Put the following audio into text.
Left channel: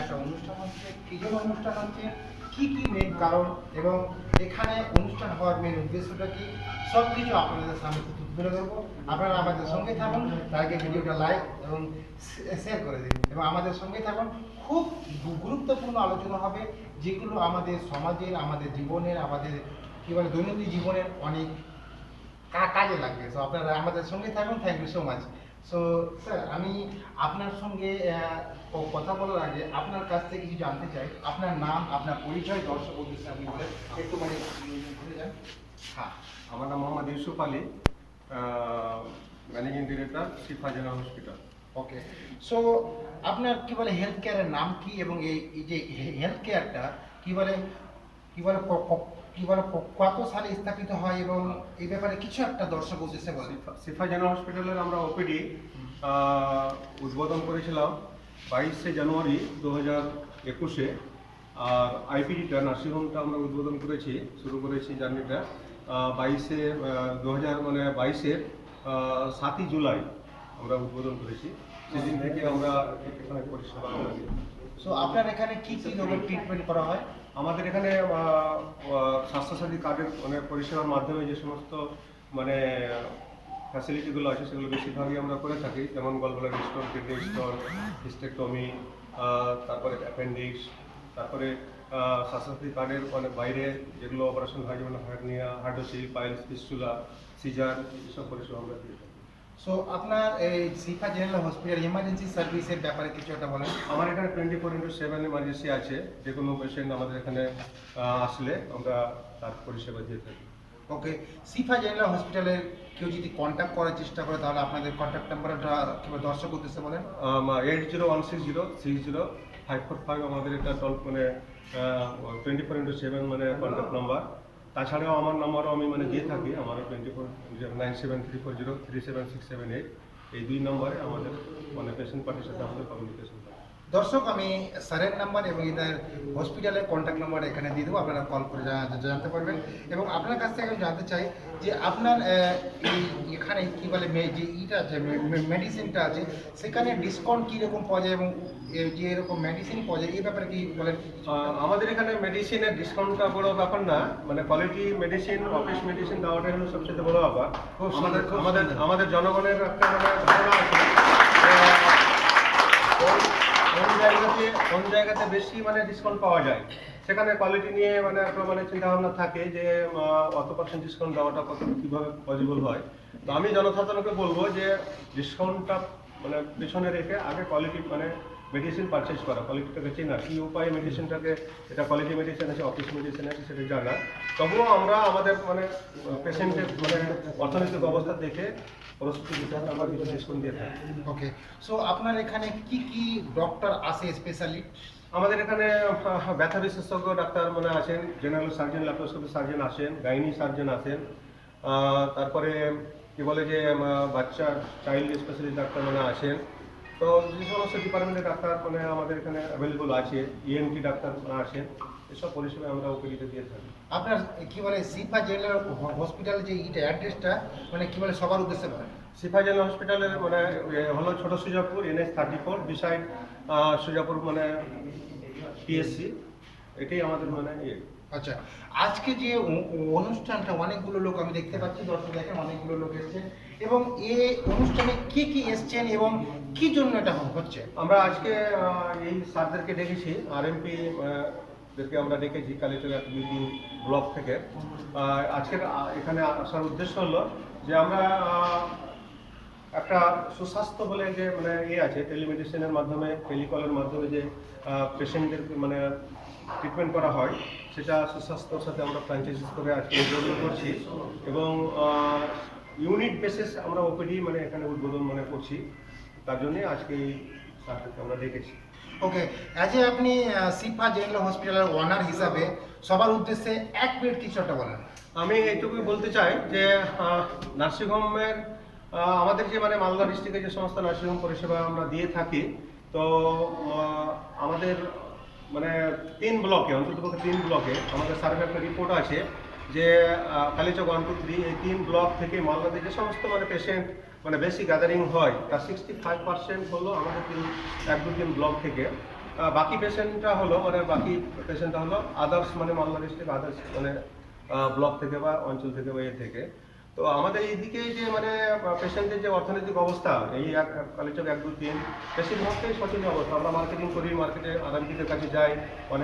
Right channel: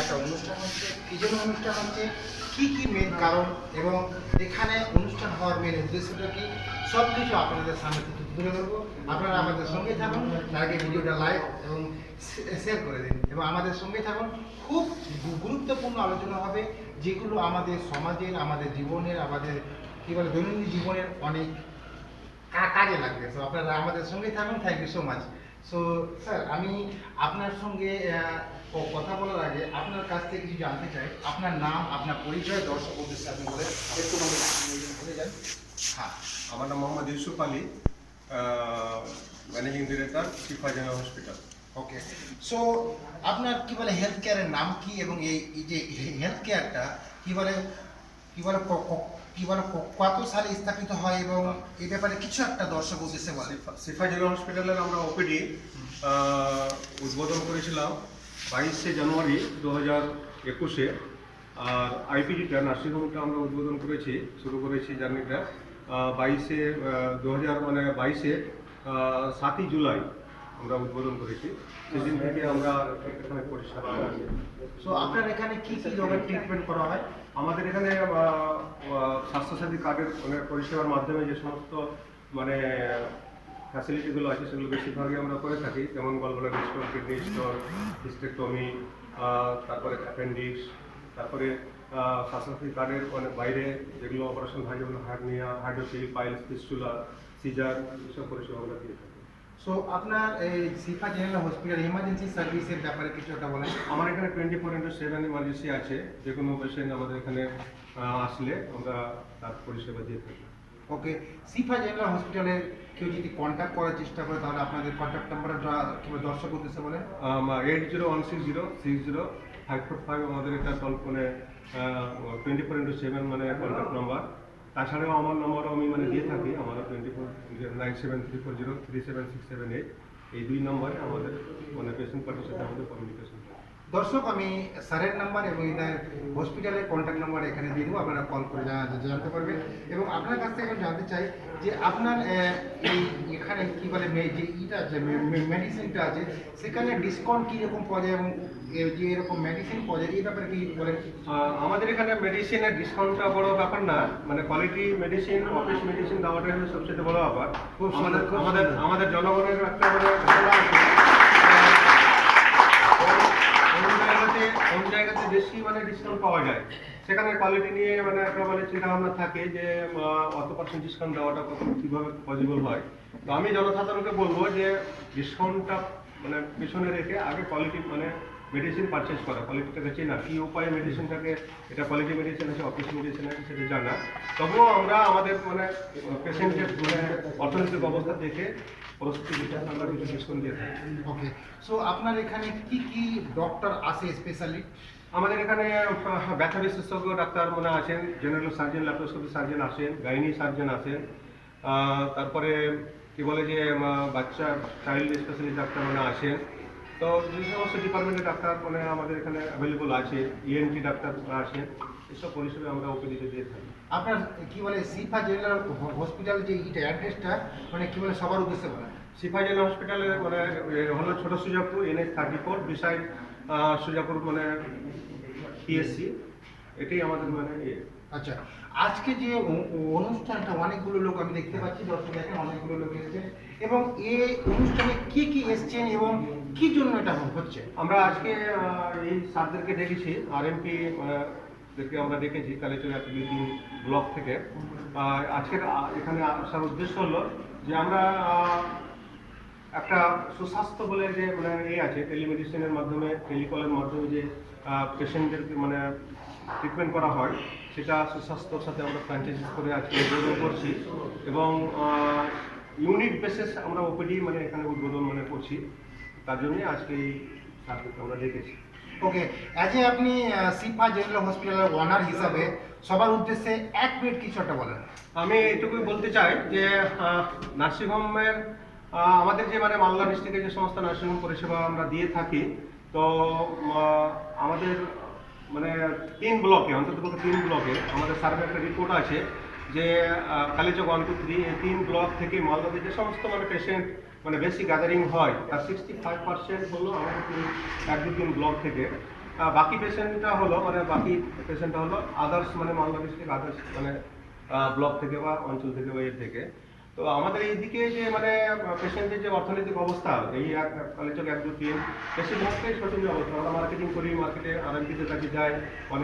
একটা অনুষ্ঠান হচ্ছে, কি জন্য অনুষ্ঠান হচ্ছে, কি কি মেন কারণ এবং এখানে অনুষ্ঠান হওয়ার মেন উদ্দেশ্যটা কি, সব কিছু আপনাদের সামনে থেকে তুলে ধরবো। আপনারা আমাদের সঙ্গে থাকুন, তার আগে ভিডিওটা লাইক এবং শেয়ার করে দিন এবং আমাদের সঙ্গে থাকুন। খুব গুরুত্বপূর্ণ আলোচনা হবে, যেগুলো আমাদের সমাজের, আমাদের জীবনের, আমাদের কী বলে দৈনন্দিন জীবনের অনেক কাজে লাগবে। তো আপনারা আমাদের সঙ্গে থাকুন। Thank you so much. So sir, আমি আপনার সঙ্গে কথা বলার আগে আপনার কাছ থেকে কিছু জানতে চাই। আপনার নাম, আপনার পরিচয় দর্শক উদ্দেশ্যে আপনি বলে একটু বলে যান। হ্যাঁ, আমার নাম মোহাম্মদ ইউসুফ আলী, ম্যানেজিং ডিরেক্টর শিফা জেনারেল হসপিটাল। ওকে, সো আপনার কি বলে হেলথ কেয়ারের নাম কি এবং এই যে হেলথ কেয়ারটা কি বলে কি বলে কি বলে কত সালে স্থাপিত হয় এবং এই ব্যাপারে কিছু একটা দর্শক উদ্দেশ্যে বলে। শিফা জেনারেল হসপিটালের আমরা ওপিডি উদ্বোধন করেছিলাম 22শে জানুয়ারি 2021-এ। আর আইপিডিটা নার্সিংহোমটা আমরা উদ্বোধন শুরু করেছি জার্নিটা 2022-এর 7ই জুলাই আমরা উদ্বোধন করেছি। সেদিন থেকে আমরা এখানে পরিষেবা করি। সো আপনার এখানে কি কি ধরনের ট্রিটমেন্ট করা হয়? আমাদের এখানে স্বাস্থ্যসাথী কার্ডের পরিষেবার মাধ্যমে যে সমস্ত ফ্যাসিলিটিগুলো আছে সেগুলো বেশিরভাগই আমরা করে থাকি, যেমন gallbladder stone, kidney stone, hysterectomy, তারপরে অ্যাপেন্ডিক্স, তারপরে স্বাস্থ্যসাথী কার্ডের বাইরে যেগুলো অপারেশন হয়, যেমন hernia, hydrocele, piles, fistula, caesar, এসব পরিষেবা আমরা দিয়ে থাকি। সো আপনার এই শিফা জেনারেল হসপিটাল এমার্জেন্সি সার্ভিসের ব্যাপারে কিছু একটা বলেন। আমার এখানে 24/7 ইমার্জেন্সি আছে। যে কোনো পেশেন্ট আমাদের এখানে আসলে আমরা তার পরিষেবা দিয়ে থাকি। ওকে, শিফা জেনারেল হসপিটালে কেউ যদি কন্ট্যাক্ট করার চেষ্টা করে তাহলে আপনাদের কন্ট্যাক্ট নাম্বারটা কিংবা দর্শক উদ্দেশ্যে বলেন। 8016060545 আমাদের এটা 24/7 কন্ট্যাক্ট নাম্বার। তাছাড়াও আমার নাম্বারও আমি দিয়ে থাকি, আমার 949734037678। এই দুই নম্বরে আমাদের পেশেন্ট পার্টির সাথে আমাদের কমিউনিকেশন হয়। দর্শক, আমি স্যারের নাম্বার এবং এদের হসপিটালের কন্ট্যাক্ট নাম্বার এখানে দিয়ে দেবো, আপনারা কল করে জানতে পারবেন। এবং আপনার কাছ থেকে আমি জানতে চাই যে আপনার এখানে কী বলে যে ইটা আছে, মেডিসিনটা আছে, সেখানে ডিসকাউন্ট কীরকম পাওয়া যায় এবং যে এরকম মেডিসিন পাওয়া যায় এই ব্যাপারে কি বলেন? আমাদের এখানে মেডিসিনের ডিসকাউন্টটা বড় ব্যাপার না, কোয়ালিটি মেডিসিন, অফিস মেডিসিন দেওয়াটাই হলো সবচেয়ে বড় ব্যাপার। আমাদের জনগণের একটা ধারণা আছে কোন জায়গাতে বেশি ডিসকাউন্ট পাওয়া যায়, সেখানে কোয়ালিটি নিয়ে একটা চিন্তা ভাবনা থাকে যে অত পার্সেন্ট ডিসকাউন্ট দেওয়াটা কীভাবে পসিবল হয়। তো আমি জনসাধারণকে বলবো যে ডিসকাউন্টটা পিছনে রেখে আগে কোয়ালিটি মেডিসিন পারচেজ করা, কোয়ালিটিটাকে চেনা, কী উপায়ে মেডিসিনটাকে, এটা কোয়ালিটি মেডিসিন আছে, অফিস মেডিসিন আছে, সেটা জানা। তবুও আমরা আমাদের পেশেন্টের অর্থনৈতিক অবস্থা দেখে আমরা কিছু ডিসকাউন্ট দিয়ে থাকি। ওকে, সো আপনার এখানে কি কি ডক্টর আসে স্পেশালি? আমাদের এখানে ব্যথা বিশেষজ্ঞ ডাক্তার আছেন, জেনারেল সার্জন, ল্যাপ্রোস্কোপি সার্জন আসেন, গাইনি সার্জন আসেন, তারপরে কি বলে যে বাচ্চা চাইল্ড স্পেশালিস্ট ডাক্তার আসেন। তো যে সমস্ত ডিপার্টমেন্টের ডাক্তার আমাদের এখানে অ্যাভেলেবল আছে, ইএনটি ডাক্তার আছেন, এসব পরিষেবা আমরা ওপিডিতে দিয়ে থাকি। আপনার কি বলে শিফা জেনারেল হসপিটালের যে ইটা অ্যাড্রেসটা কি বলে সবার উদ্দেশ্যে বলেন? শিফা জেনারেল হসপিটালের হলো ছোট Sujapur, NH34, beside Sujapur PSC, এটাই আমাদের ইয়ে। আচ্ছা, আজকে যে অনুষ্ঠানটা অনেকগুলো লোক আমি দেখতে পাচ্ছি, দর্শক দেখেন অনেকগুলো লোক এসেছেন এবং এই অনুষ্ঠানে কি কি এসছেন এবং কি জন্য এটা হচ্ছে? আমরা আজকে এই স্যারদেরকে ডেকেছি, RMP দেরকে আমরা ডেকেছি কালেচুরা মিটিং ব্লক থেকে। আজকের এখানে আসার উদ্দেশ্য হলো যে আমরা একটা সুস্বাস্থ্য বলে যে আছে, টেলিমেডিসিনের মাধ্যমে, টেলিকলের মাধ্যমে যে পেশেন্টদেরকে ট্রিটমেন্ট করা হয়, সেটা সুস্বাস্থ্যর সাথে আমরা ফ্র্যাঞ্চাইজিস করে আজকে উদ্বোধন করছি এবং ইউনিট বেসিস আমরা ওপিডি এখানে উদ্বোধন করছি। তার জন্যই আজকে এই সার্ভিস আমরা রেখেছি। ওকে, অ্যাজ এ আপনি শিফা জেনারেল হসপিটালের ওনার হিসাবে সবার উদ্দেশ্যে এক মিনিট কিছু একটা বলেন। আমি এটুকুই বলতে চাই যে নার্সিংহোমের আমাদের যে মালদা ডিস্ট্রিক্টে যে সমস্ত নার্সিংহোম পরিষেবা আমরা দিয়ে থাকি, তো আমাদের 3 ব্লকে, অন্তত 3 ব্লকে আমাদের সার্ভে একটা রিপোর্ট আছে যে কালীচক 1, 2, 3 এই 3 ব্লক থেকে মালদাতে যে সমস্ত পেশেন্ট বেশি গ্যাদারিং হয়, তার 65% হলো আমাদের 1, 2, 3 ব্লক থেকে। বাকি পেশেন্টটা হলো মানে বাকি পেশেন্টটা হলো আদার্স মানে মালদা ডিস্ট্রিক্ট আদার্স মানে ব্লক থেকে বা অঞ্চল থেকে বা এর থেকে। তো আমাদের এইদিকে যে মানে পেশেন্টের যে অর্থনৈতিক অবস্থা এই কালেচক 1, 2, 3 বেশিরভাগটাই শোচনীয় অবস্থা। আমরা মার্কেটিং করি, মার্কেটে আরএমপিদের কাছে যাই,